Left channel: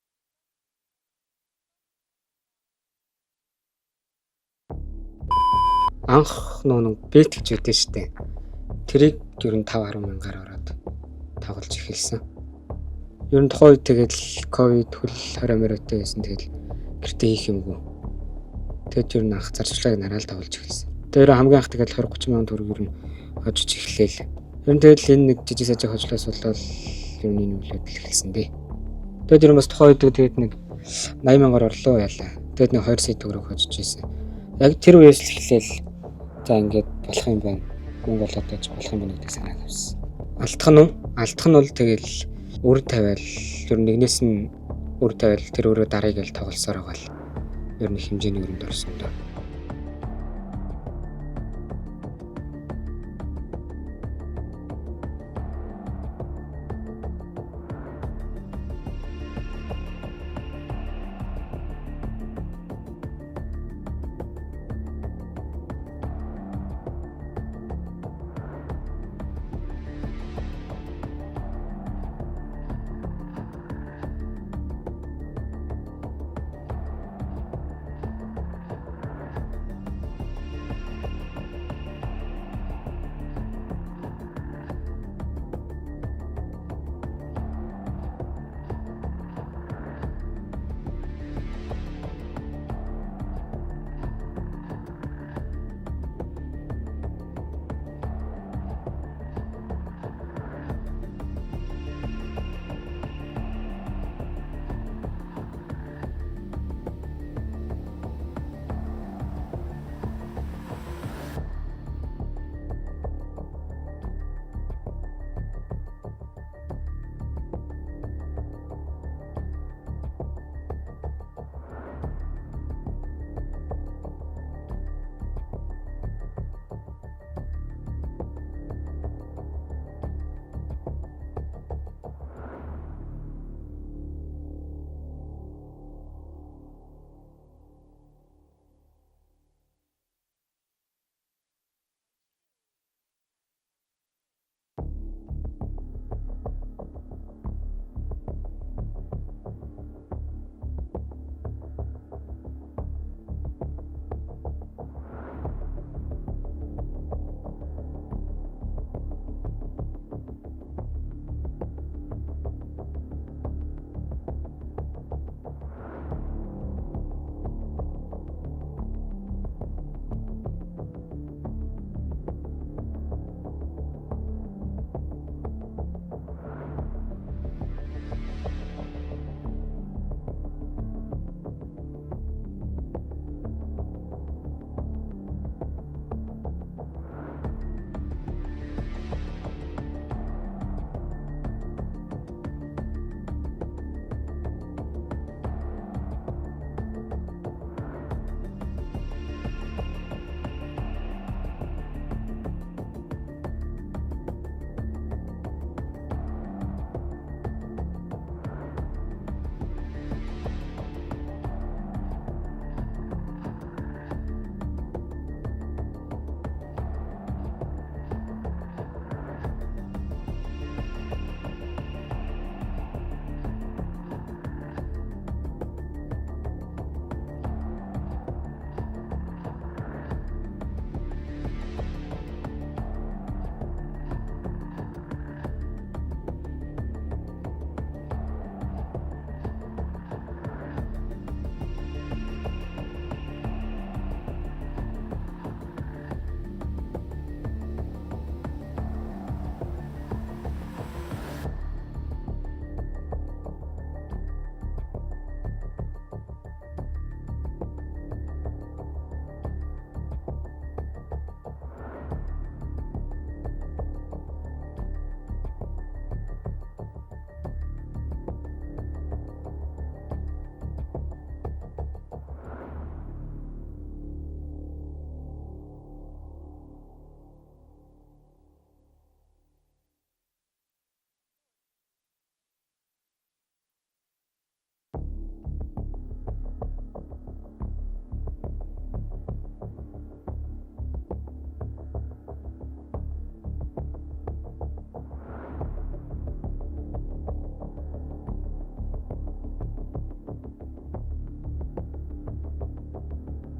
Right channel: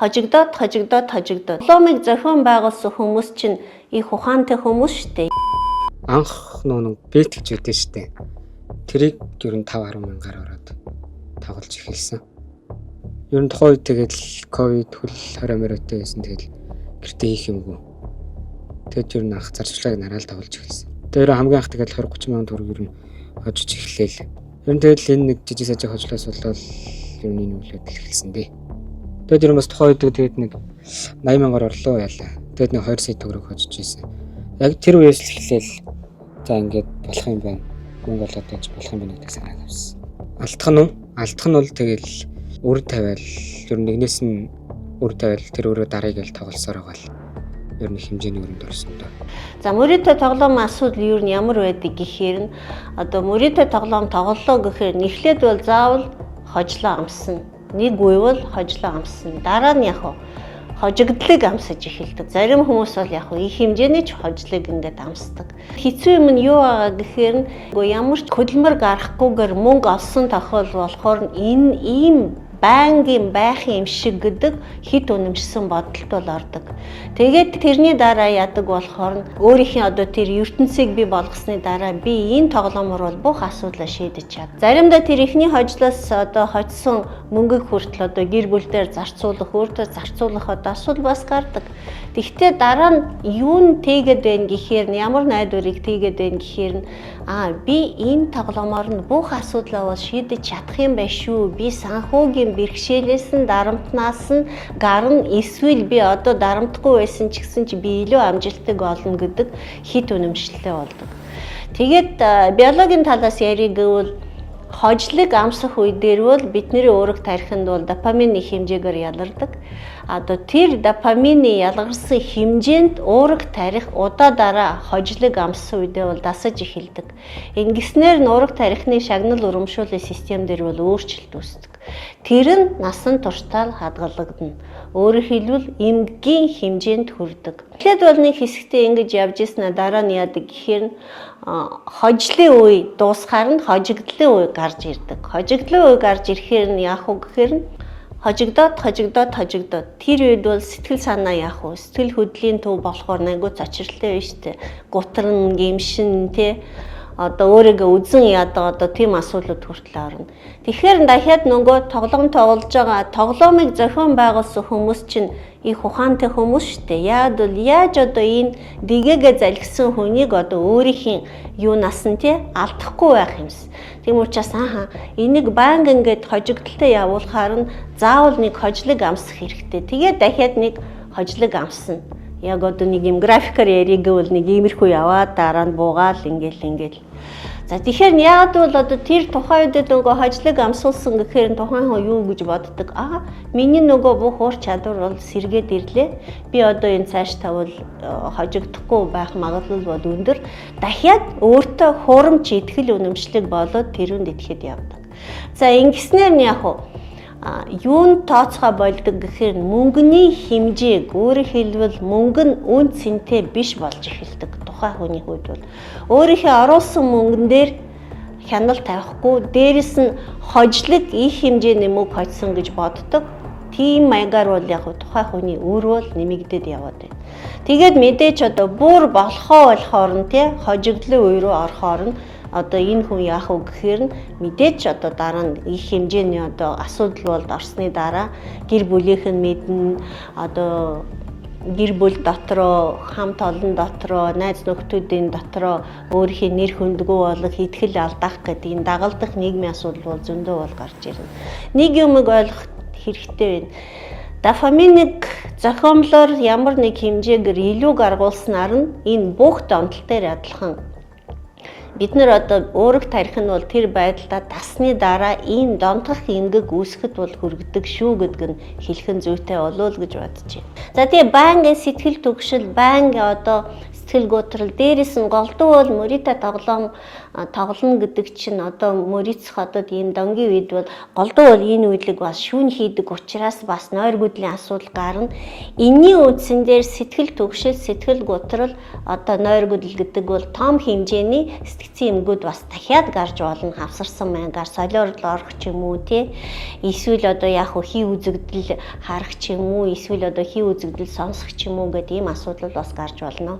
хожигдоод. Ломыг зохион байгуулсан хүмүүс чинь их ухаантай хүмүүс шүү дээ. Анх нөө бэлт гэж үүдэн штэ. Тэрийг ер нь 5-10 мянгаар ороод тоглож эхэлсэн. Ер нь тухайн үед тэгэл ковид хөл 20 мөрөтэй байсан. Тэгэл гэртээ хийх юмгүй. Тэгэд ер нь анх зарчлагыг нараал тоглож эхэлсэн. Тэр хамгийн анх тэгэл 20-30 мянган төгрөг ер нь хожиж эхлээл. Ер нь тэгэл энэ нэг жижиг сажиг хожлоос болол ер нь энэ үлээд эхэлсэн дээ. Тэгэд ер нь бас тухайн үед тэгээд нэг 80 мянгаар орлоо яалаа. Тэгэд нэг 2 сая төгрөг хожиж ийсэн. Яг тэр үеэс л эхлээл за ингээд болох юм байна. Мөнгө болоод байж болох юм байна гэдэг санааг авсан. Алдах нь бол тэгэл үр тавиал ер нь нэгнээс нь үр тавиал тэр өөрөө дарыг л тоглосоор байгаа л ер нь хэмжээний өрөнд орсон доо. За мөрөдөө тоглоомын асуудал юу нь ямар байдаг гэхээр нь одоо мөрөдөө тоглоом тоглолоо гэхээр эхлээд бол заавал хожлоо амссан. Нэг үе бол хожлоо амссан. Дараа нь яг хожигдлыг амсаж эхэлдэг. Зарим хүмүүс бол яг их хэмжээний ч хожлыг ингээд амсдаг. Хэцүү юм нь юу байгаа гэхээр нь ямар ч хөдөлмөр гарахгүйгээр мөнгө олсон тохиол болохоор энэ ийм байнгын байх юм шиг гэдэг хит үнэмшсэн бодолд бол ордог. Тэгээд тэрний дараа яадаг болохоор өөрийнхөө одоо тэр ертөнцийг бий болгосны дараа би энэ тоглоомор бол бүх асуудлаа шийдэж чад. Заримдаа тэр ихний хожлоос одоо хожсон мөнгөг хүртэл одоо гэр бүлдээр зарцуулах, өөртөө зарцуулах одоо асуудал бас гардаг. Тэгвэл дараа нь юу нь тэгээд байна гэхээр нь ямар найдварыг тэгээд байна гэхээр нь би энэ тоглоомор нь бүх асуудлаа бол шийдэж чадах юм байна шүү. Би санхүүгийн бэрхшээлээс нь дарамтнаас нь гарна эсвэл би одоо дарамтгүй байсан ч гэсэн чи би илүү амжилттай болно гэдэг хит үнэмшилтэй болдог. Тэгээд биологийн талаас ярих гэвэл хожлыг амсах үе дээр бол бидний уурах тархинд бол допамины хэмжээгээр ялгардаг. Одоо тэр допамины ялгарсан хэмжээнд уурах тарих удаа дараа хожлыг амссан үедээ бол дасаж эхэлдэг. Ингэснээр нь уурах тарихны шагнал урамшууллын систем дээр бол өөрчлөлт үүсдэг. Тэр нь насан туршдаа хадгалагдана. Өөрөөр хэлбэл эмгэгийн хэмжээнд хүрдэг. Тэгэхэд бол нэг хэсэгтээ ингэж явж ирсэн дараа нь яадаг гэхээр хожлын үе дуусахаар нь хожигдлын үе гарч ирдэг. Хожигдлын үе гарч ирэхээр нь яах вэ гэхээр нь хожигдоод тэр үед бол сэтгэл санаа яах вэ? Сэтгэл хөдлөлийн төв болохоор найгуу цочролтой байна шүү дээ. Гутран, гэмшин тэ одоо өөрийгөө үзэн яадаг одоо тийм асуудлууд хүртэл орно. Тэгэхээр дахиад нөгөө тоглоом тоглож байгаа тоглоомыг зохион байгуулсан хүмүүс чинь их ухаантай хүмүүс шүү дээ. Яаж одоо энэ дэгээгээ залгисан хүнийг одоо өөрийнхөө юунаас нь тий алдахгүй байх юмс. Тийм учраас энийг банк ингээд хожигдолтой явуулахаар нь заавал нэг хожлыг амсах хэрэгтэй. Тэгээд дахиад нэг хожлыг амсна. Яг одоо нэг юм графикаар яриг гэвэл нэг иймэрхүү яваад дараа нь буугаал ингээл. За тэгэхээр яагаад бол одоо тэр тухайн үед нөгөө хожлыг амсуулсан гэхээр тухайн хүн юу гэж боддог? Миний нөгөө бүх ур чадвар бол сэргээд ирлээ. Би одоо энэ цааш тавал хожигдохгүй байх магадлал бол өндөр. Дахиад өөртөө хурамч итгэл үнэмшлэг болоод тэрүүнд итгэхэд явдаг. За ингэснээр нь яг юунд тооцоо болдог гэхээр мөнгөний хэмжээг өөрөөр хэлбэл мөнгө нь үн цэнтэй биш болж эхэлдэг. Тухайн хүний хувьд бол өөрийнхөө оруулсан мөнгөн дээр хяналт тавихгүй дээрэс нь хожлог их хэмжээний мөнгө хожсон гэж боддог. Тийм маягаар бол яг тухайн хүний өр бол нэмэгдээд яваад байна. Тэгээд мэдээч одоо бүр болохоор нь тий хожигдлын үе рүү орохоор нь одоо энэ хүн яах вэ гэхээр нь мэдээч одоо дараа нь их хэмжээний одоо асуудал болд орсны дараа гэр бүлийнх нь мэднэ одоо гэр бүл дотроо хамт олон дотроо найз нөхдүүдийн дотроо өөрийнхөө нэр хүндгүү болох итгэл алдах гэдэг энэ дагалдах нийгмийн асуудал бол зөндөө бол гарч ирнэ. Нэг юмыг ойлгох хэрэгтэй байна. Дофаминыг зохиомлоор ямар нэг хэмжээгээр илүү гаргуулснаар нь энэ бүх донтол дээр адилхан бид нар одоо уурах тарих нь бол тэр байдлаа дасны дараа ийм донтох эмгэг үүсгэхэд бол хүргэдэг шүү гэдэг нь хэлхэн зүйтэй болов гэж бодож байна. За тэгээ банкын сэтгэл түгшил, банк одоо сэтгэл готрол дээрээс нь голдуу бол мөрөдөө тоглоно гэдэг чинь одоо мөрөцөх одоо ийм донгийн үед бол голдуу бол энэ үйлэг бас шүүн хийдэг учраас бас нойр гүдлийн асуудал гарна. Энийн үндсэн дээр сэтгэл түгшил, сэтгэл готрол одоо нойр гүдэл гэдэг бол том хэмжээний сэтгэл инфекцийн эмгүүд бас дахиад гарч болно. Хавсарсан маягаар солиорлол орох ч юм уу тий. Эсвэл одоо яг хий үзэгдэл харах ч юм уу, эсвэл одоо хий үзэгдэл сонсох ч юм уу гэдэг ийм асуудал бас гарч болно.